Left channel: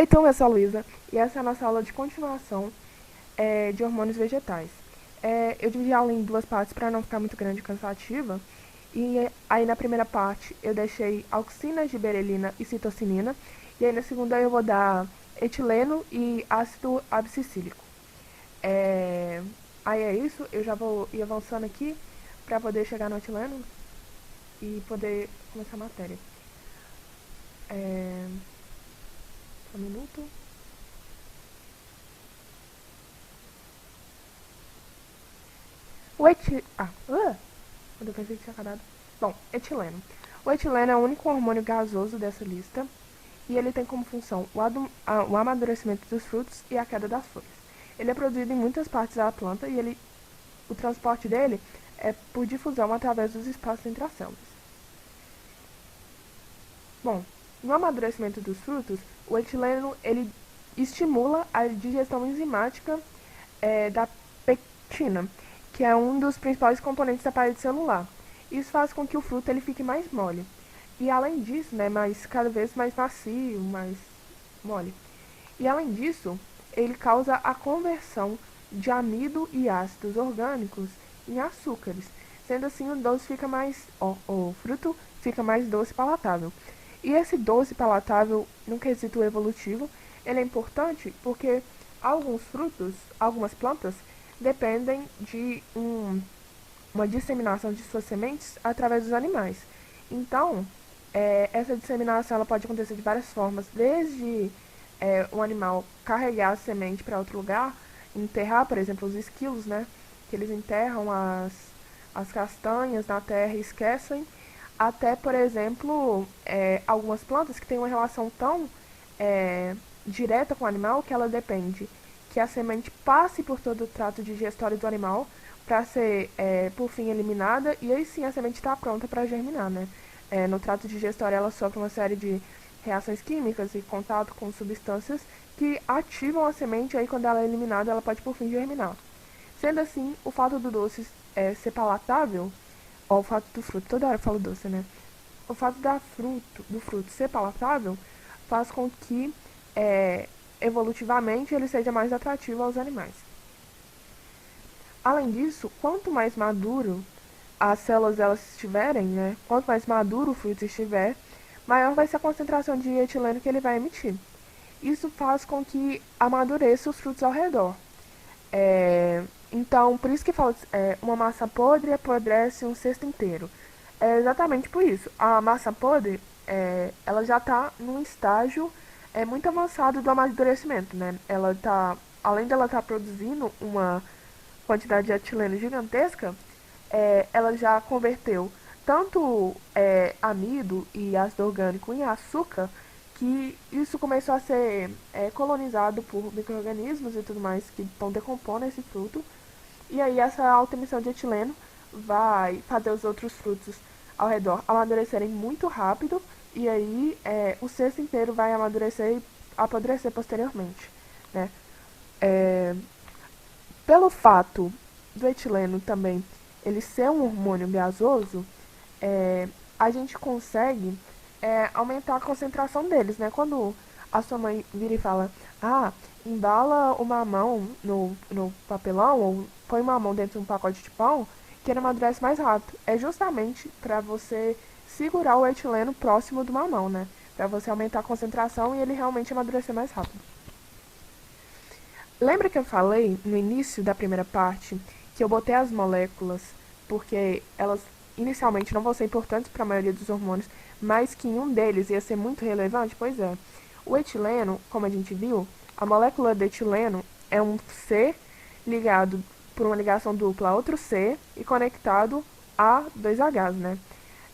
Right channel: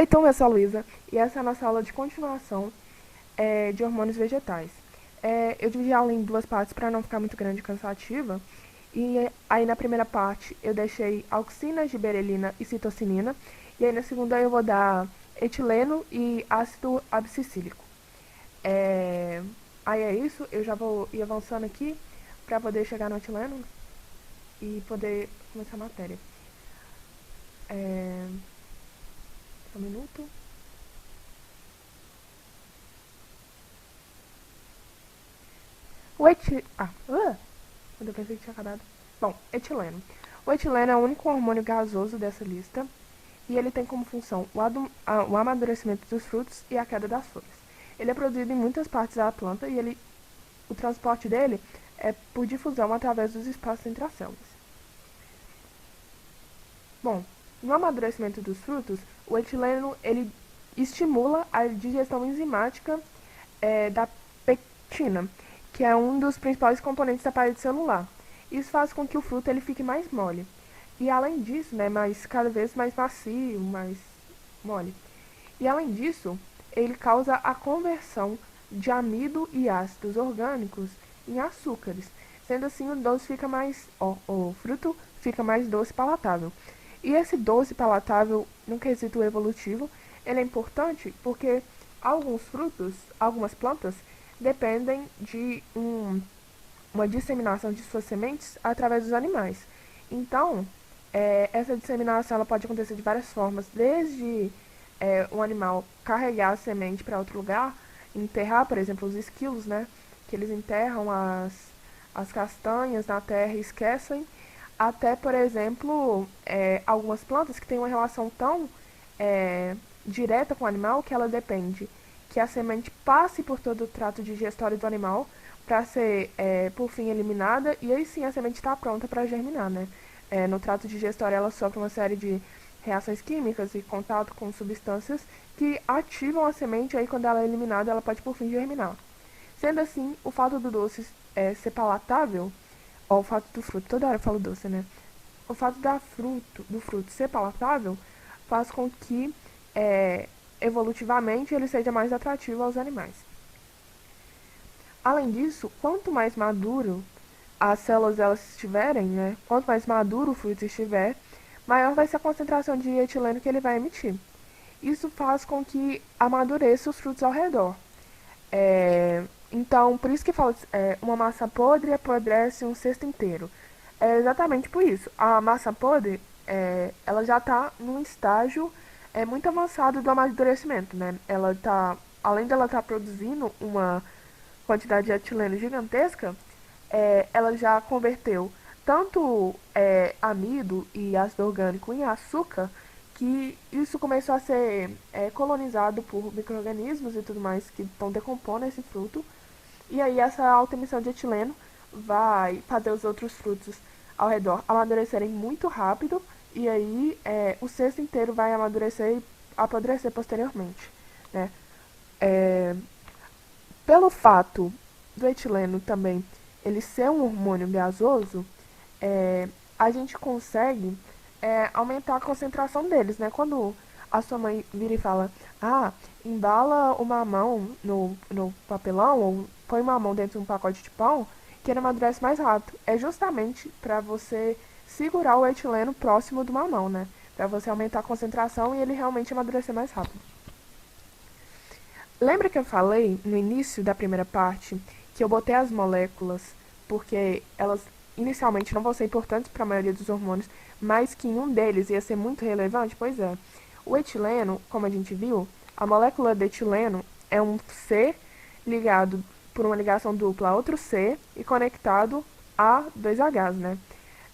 Então, eu sou a Luísa e essa é a nossa aula de continuação de hormônios vegetais. Eu dividi a aula em duas partes para não ficar muito grande e cansativa. E aí na primeira parte eu deixei auxina, giberelina e citocinina. E aí na segunda eu vou dar etileno e ácido abscissílico. É, Aí é isso, eu já vou ir avançando aqui para poder chegar no etileno e poder começar a matéria. É, um minuto. O etileno. Eu pensei que tinha acabado. Bom, etileno. O etileno é o único hormônio gasoso dessa lista e ele tem como função o amadurecimento dos frutos e a queda das folhas. Ele é produzido em muitas partes da planta e o transporte dele é por difusão através dos espaços entre as células. Bom, no amadurecimento dos frutos, o etileno ele estimula a digestão enzimática da pectina, que é um dos principais componentes da parede celular. Isso faz com que o fruto ele fique mais mole. E além disso, né, cada vez mais macio, mais mole. E além disso, ele causa a conversão de amido e ácidos orgânicos em açúcares. Sendo assim, o fruto fica mais doce e palatável. E esse doce palatável, no quesito evolutivo, ele é importante porque alguns frutos, algumas plantas, dependem de uma disseminação de suas sementes através dos animais. Então, essa disseminação ela pode acontecer de várias formas, desde um animal carregar a semente para outro lugar, enterrar, por exemplo, os esquilos, né? Que eles enterram as castanhas na terra e esquecem, até, por exemplo, algumas plantas que têm uma relação tão direta com o animal que ela depende que a semente passe por todo o trato digestório do animal para ser, por fim, eliminada, e aí sim a semente está pronta para germinar, né? No trato digestório ela sofre uma série de reações químicas e contato com substâncias que ativam a semente, e aí quando ela é eliminada ela pode por fim germinar. Sendo assim, o fato do doce ser palatável, ou o fato do fruto, toda hora eu falo doce, né? O fato do fruto ser palatável faz com que, evolutivamente, ele seja mais atrativo aos animais. Além disso, quanto mais maduro as células elas estiverem, né? Quanto mais maduro o fruto estiver, maior vai ser a concentração de etileno que ele vai emitir. Isso faz com que amadureça os frutos ao redor. Então, por isso que fala uma massa podre apodrece um cesto inteiro. É exatamente por isso. A massa podre, ela já está num estágio muito avançado do amadurecimento, né? Ela tá, além dela estar produzindo uma quantidade de etileno gigantesca, ela já converteu tanto amido e ácido orgânico em açúcar, que isso começou a ser colonizado por micro-organismos e tudo mais que estão decompondo esse fruto. E aí essa alta emissão de etileno vai fazer os outros frutos ao redor amadurecerem muito rápido, e aí o cesto inteiro vai amadurecer e apodrecer posteriormente, né? É, Pelo fato do etileno também ele ser um hormônio gasoso, a gente consegue aumentar a concentração deles, né? Quando a sua mãe vira e fala, embala o mamão no papelão ou põe o mamão dentro de um pacote de pão, que ele amadurece mais rápido. É justamente para você segurar o etileno próximo do mamão, né? Para você aumentar a concentração e ele realmente amadurecer mais rápido. Lembra que eu falei no início da primeira parte que eu botei as moléculas porque elas inicialmente não vão ser importantes para a maioria dos hormônios, mas que um deles ia ser muito relevante? Pois é. O etileno, como a gente viu, a molécula de etileno é um C ligado por uma ligação dupla a outro C e conectado a dois Hs, né?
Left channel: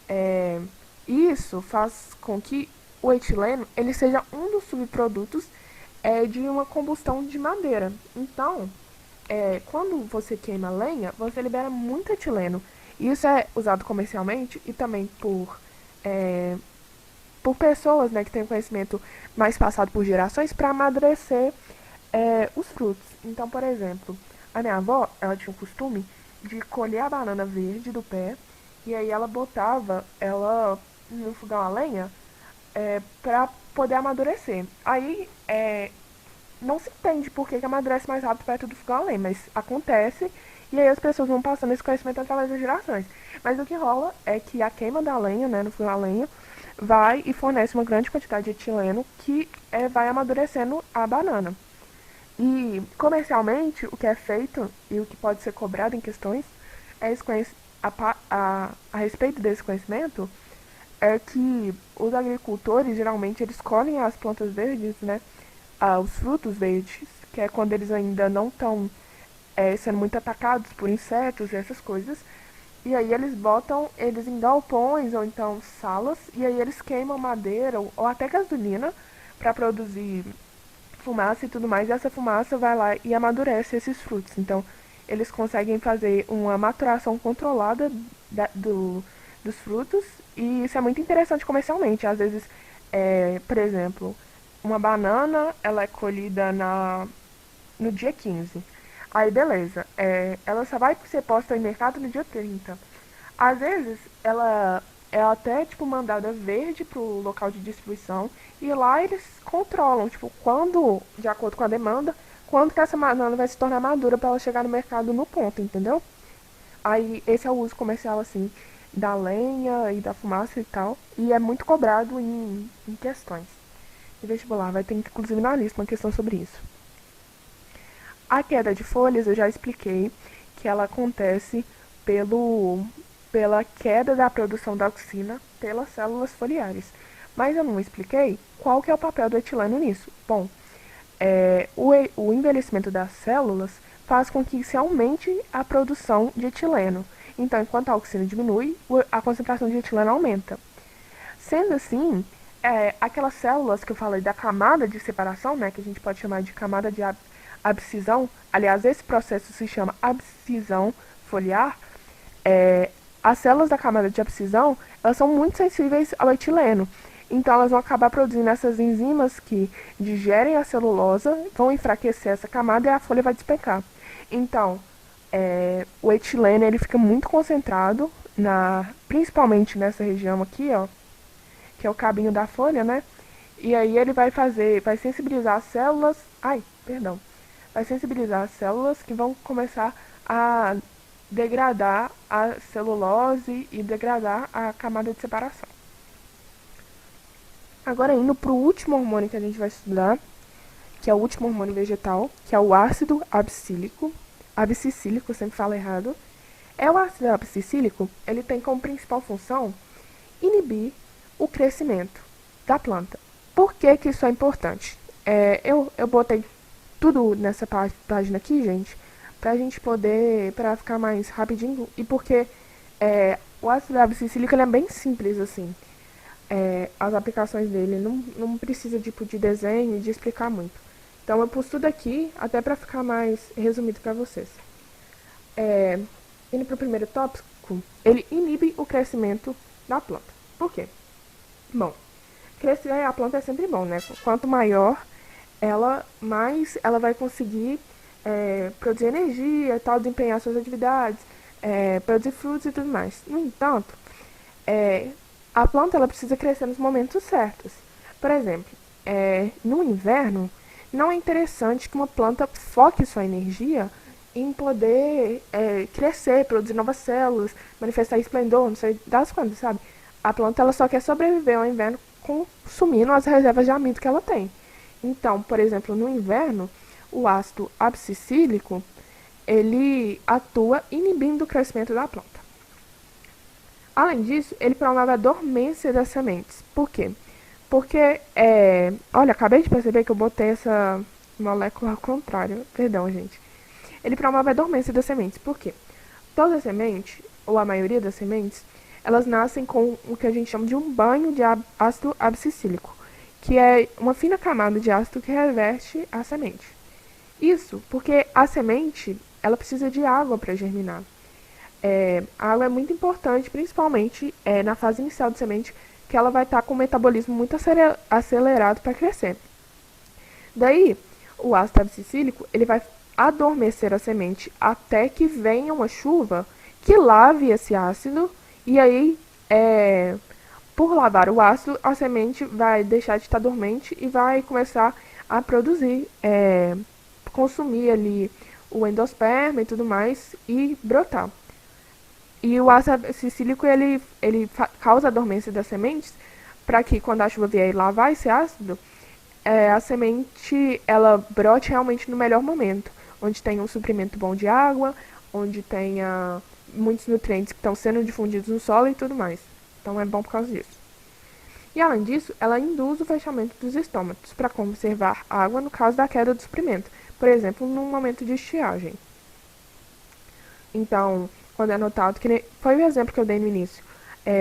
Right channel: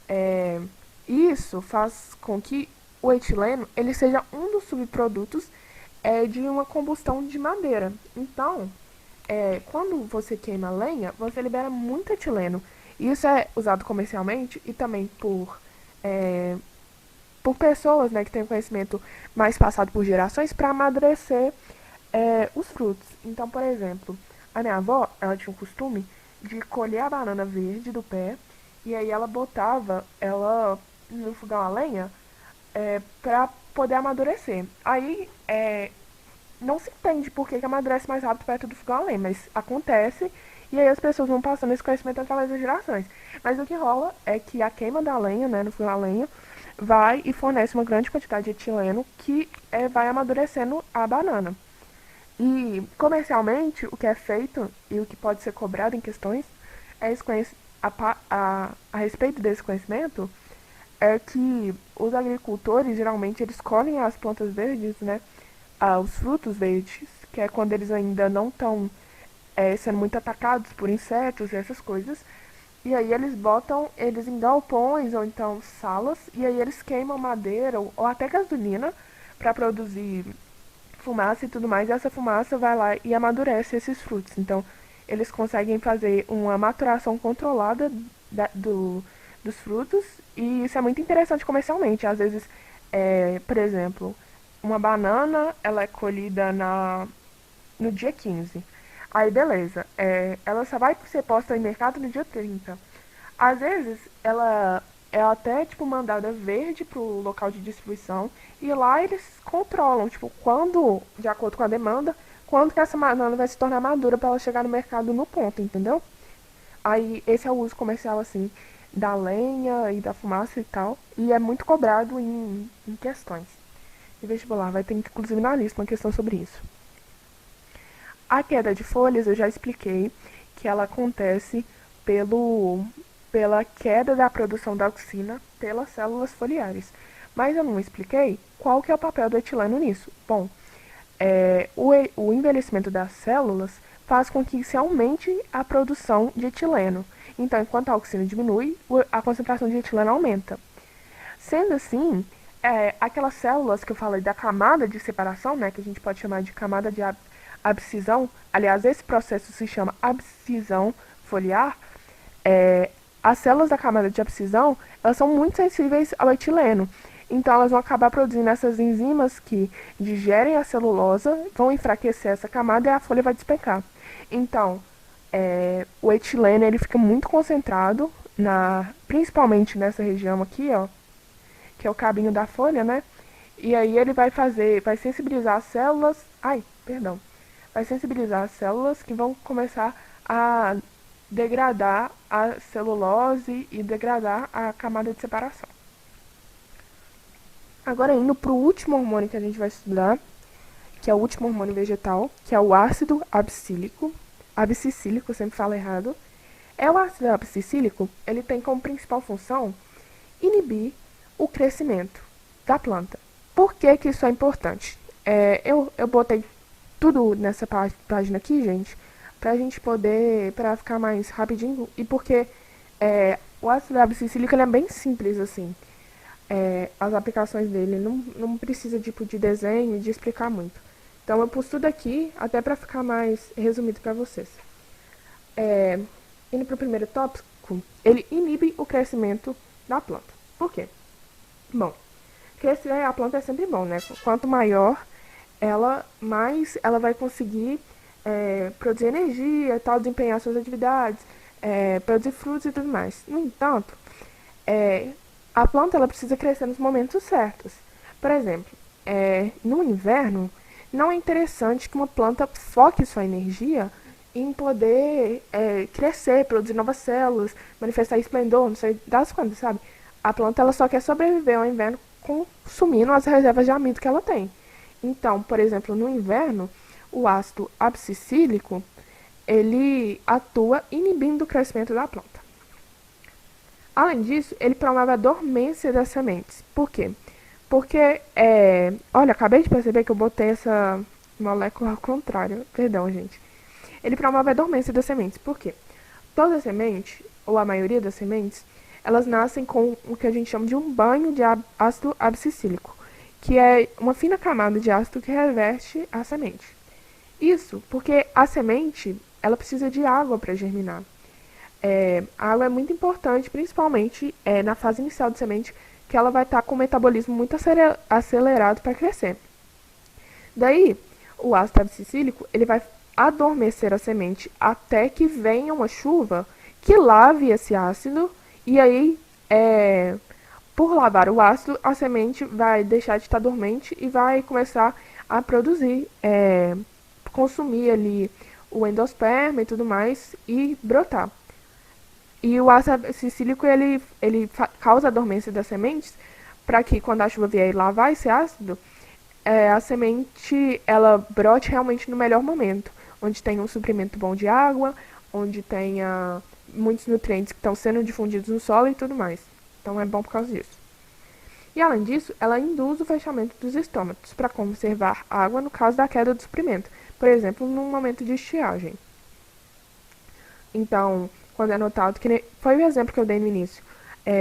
É, Isso faz com que o etileno ele seja um dos subprodutos de uma combustão de madeira. Então, quando você queima lenha, você libera muito etileno. Isso é usado comercialmente e também por pessoas, né, que têm conhecimento mais passado por gerações para amadurecer os frutos. Então, por exemplo, a minha avó, ela tinha o costume de colher a banana verde do pé e aí ela botava ela no fogão a lenha para poder amadurecer. Aí não se entende por que amadurece mais rápido perto do fogão a lenha, mas acontece e aí as pessoas vão passando esse conhecimento através das gerações. Mas o que rola é que a queima da lenha, né, no fogão a lenha, vai e fornece uma grande quantidade de etileno que vai amadurecendo a banana. E comercialmente, o que é feito e o que pode ser cobrado em questões é a respeito desse conhecimento é que os agricultores geralmente eles colhem as plantas verdes, né? Os frutos verdes, que é quando eles ainda não estão sendo muito atacados por insetos e essas coisas. E aí eles em galpões ou então salas, e aí eles queimam madeira ou até gasolina para produzir fumaça e tudo mais. E essa fumaça vai lá e amadurece esses frutos. Então eles conseguem fazer uma maturação controlada dos frutos e isso é muito interessante comercialmente. Às vezes, por exemplo, uma banana ela é colhida no dia 15. Aí beleza, ela só vai ser posta em mercado no dia 30. Às vezes ela é até tipo mandada verde pro local de distribuição e lá eles controlam, tipo, quando, de acordo com a demanda, quando que essa banana vai se tornar madura para ela chegar no mercado no ponto, entendeu? Aí esse é o uso comercial assim da lenha e da fumaça e tal, e é muito cobrado em questões. E vestibular vai ter inclusive na lista uma questão sobre isso. A queda de folhas eu já expliquei que ela acontece pela queda da produção da auxina pelas células foliares. Mas eu não expliquei qual que é o papel do etileno nisso. Bom, o envelhecimento das células faz com que se aumente a produção de etileno. Então, enquanto a auxina diminui, a concentração de etileno aumenta. Sendo assim, aquelas células que eu falei da camada de separação, né, que a gente pode chamar de camada de abscisão, aliás, esse processo se chama abscisão foliar, as células da camada de abscisão, elas são muito sensíveis ao etileno. Então, elas vão acabar produzindo essas enzimas que digerem a celulosa, vão enfraquecer essa camada e a folha vai despencar. Então, o etileno ele fica muito concentrado, principalmente nessa região aqui, ó, que é o cabinho da folha, né? E aí ele vai sensibilizar as células, vai sensibilizar as células que vão começar a degradar a celulose e degradar a camada de separação. Agora indo para o último hormônio que a gente vai estudar, que é o último hormônio vegetal, que é o ácido abscílico, sempre falo errado. O ácido abscílico, ele tem como principal função inibir o crescimento da planta. Por que que isso é importante? Eu botei tudo nessa página aqui, gente, pra gente poder, pra ficar mais rapidinho, e porque o ácido abscílico ele é bem simples, assim. As aplicações dele não precisa de desenho, de explicar muito. Então eu pus tudo aqui, até pra ficar mais resumido pra vocês. Indo pro primeiro tópico, ele inibe o crescimento da planta. Por quê? Bom, crescer a planta é sempre bom, né? Quanto maior mais ela vai conseguir produzir energia, tal, desempenhar suas atividades, produzir frutos e tudo mais. No entanto, a planta ela precisa crescer nos momentos certos. Por exemplo, no inverno, não é interessante que uma planta foque sua energia em poder crescer, produzir novas células, manifestar esplendor, não sei das coisas, sabe? A planta ela só quer sobreviver ao inverno consumindo as reservas de amido que ela tem. Então, por exemplo, no inverno, o ácido abscílico ele atua inibindo o crescimento da planta. Além disso, ele promove a dormência das sementes. Por quê? Porque, olha, acabei de perceber que eu botei essa molécula ao contrário. Perdão, gente. Ele promove a dormência das sementes. Por quê? Toda semente, ou a maioria das sementes, elas nascem com o que a gente chama de um banho de ácido abscílico, que é uma fina camada de ácido que reveste a semente. Isso porque a semente ela precisa de água para germinar. A água é muito importante, principalmente na fase inicial de semente, que ela vai estar com o metabolismo muito acelerado para crescer. Daí, o ácido abscílico ele vai adormecer a semente até que venha uma chuva que lave esse ácido e aí Por lavar o ácido, a semente vai deixar de estar dormente e vai começar a produzir, consumir ali o endosperma e tudo mais e brotar. E o ácido cicílico ele causa a dormência das sementes para que quando a chuva vier e lavar esse ácido, a semente ela brote realmente no melhor momento, onde tem um suprimento bom de água, onde tenha muitos nutrientes que estão sendo difundidos no solo e tudo mais. Então é bom por causa disso. E além disso, ela induz o fechamento dos estômatos para conservar água no caso da queda do suprimento, por exemplo, no momento de estiagem. Então, quando é notado, que foi o exemplo que eu dei no início,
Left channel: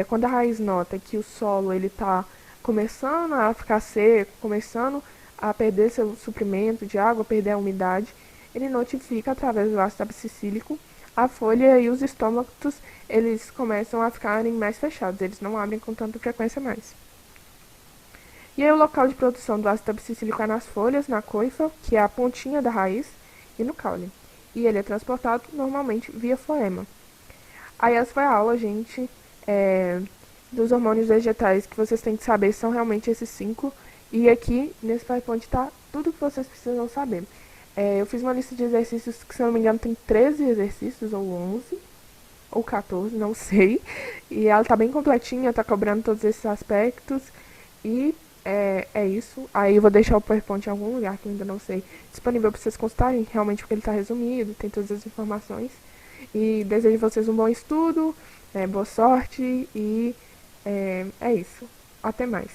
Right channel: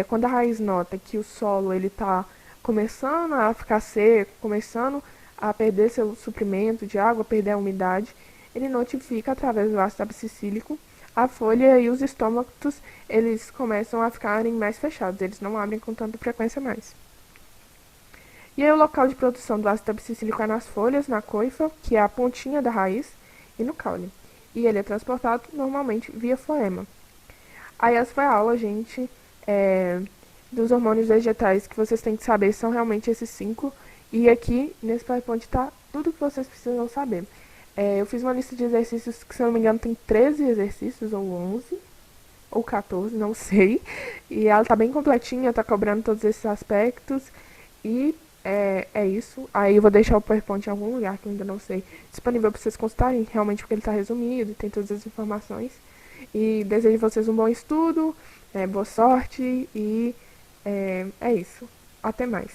quando a raiz nota que o solo ele está começando a ficar seco, começando a perder seu suprimento de água, perder a umidade, ele notifica através do ácido abscissílico a folha e os estômatos eles começam a ficarem mais fechados, eles não abrem com tanta frequência mais. E aí o local de produção do ácido abscissílico é nas folhas, na coifa, que é a pontinha da raiz, e no caule. E ele é transportado normalmente via floema. Aí essa foi a aula, gente, dos hormônios vegetais que vocês têm que saber são realmente esses 5. E aqui, nesse PowerPoint, tá tudo que vocês precisam saber. Eu fiz uma lista de exercícios que, se eu não me engano, tem 13 exercícios, ou 11, ou 14, não sei. E ela tá bem completinha, tá cobrando todos esses aspectos. E é isso. Aí eu vou deixar o PowerPoint em algum lugar, que eu ainda não sei, disponível para vocês consultarem, realmente porque ele tá resumido, tem todas as informações. E desejo vocês um bom estudo, boa sorte e é isso. Até mais.